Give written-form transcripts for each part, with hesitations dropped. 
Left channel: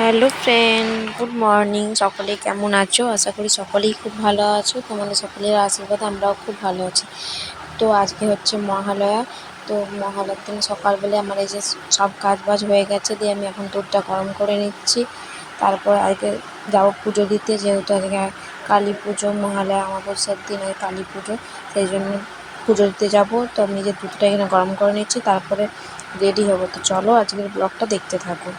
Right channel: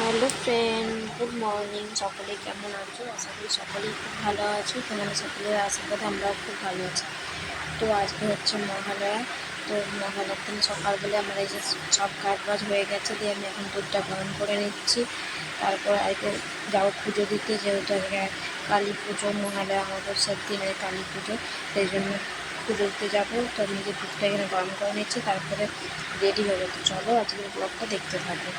Hello friend, good morning. সকলে কেমন আছো? আশা করি সকলেই খুব ভালো আছো। তোমাদের সকলের আশীর্বাদে আমরাও খুব ভালো আছি। তো আজকে হচ্ছে মহালয়া। তো মহালয়ার দিন সকালবেলা আমার এই যে সব কাজ বাজ হয়ে গেছে, দিয়ে আমি এখন দুধটা গরম করে নিচ্ছি। তারপর আজকে যাবো পুজো দিতে, যেহেতু আজকে কালী পুজো, মহালয়া অমাবস্যার দিন আজকে কালী পুজো, সেই জন্য পুজো দিতে যাবো। তো আমি যে দুধটা এখানে গরম করে নিচ্ছি, তারপরে রেডি হবো। তো চলো আজকের ব্লগটা দেখতে থাকো।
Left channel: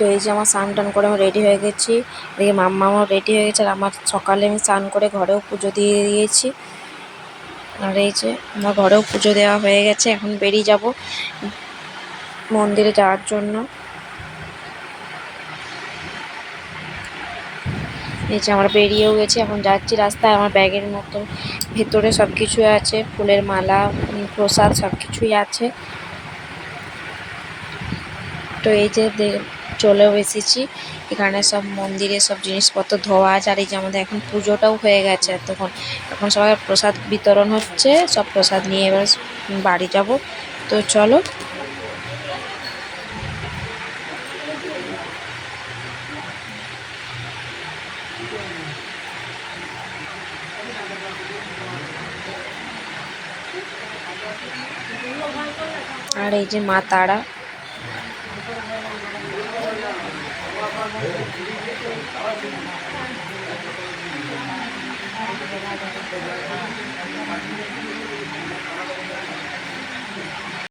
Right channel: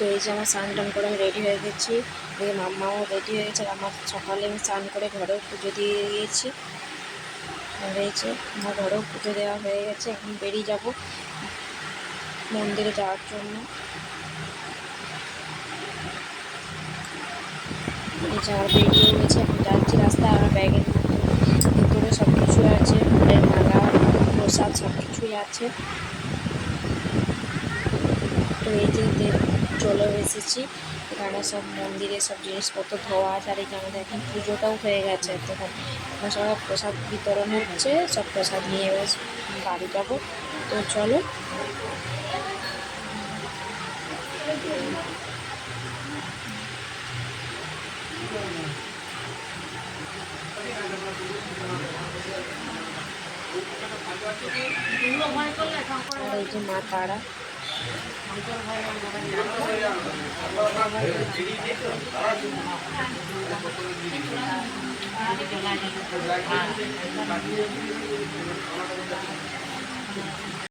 তো এই যে আমার স্নান টান করে আমি রেডি হয়ে গেছি, এদিকে মাম্মাও রেডি হয়ে গেছে। আর আমার সকালে আমি স্নান করে ঘরেও পুজো দিয়ে দিয়েছি। আর এই যে আমার ঘরেও পুজো দেওয়া হয়ে গেছে, এখন বেরিয়ে যাব মন্দিরে যাওয়ার জন্য। এই যে আমরা বেরিয়েও গেছি, এখন যাচ্ছি রাস্তায়। আমার ব্যাগের মধ্যে ভেতরে সব কিছু আছে, ফুলের মালা, প্রসাদ সব কিছুই আছে। তো এই যে চলেও এসেছি, এখানে সব মন্দিরে সব জিনিসপত্র ধোয়া আছে। আর এই যে আমাদের এখন পুজোটাও হয়ে গেছে তখন, এখন সবাই প্রসাদ বিতরণ হচ্ছে, সব প্রসাদ নিয়ে এবার বাড়ি যাব। তো চলো। আর এই যে মা তারা।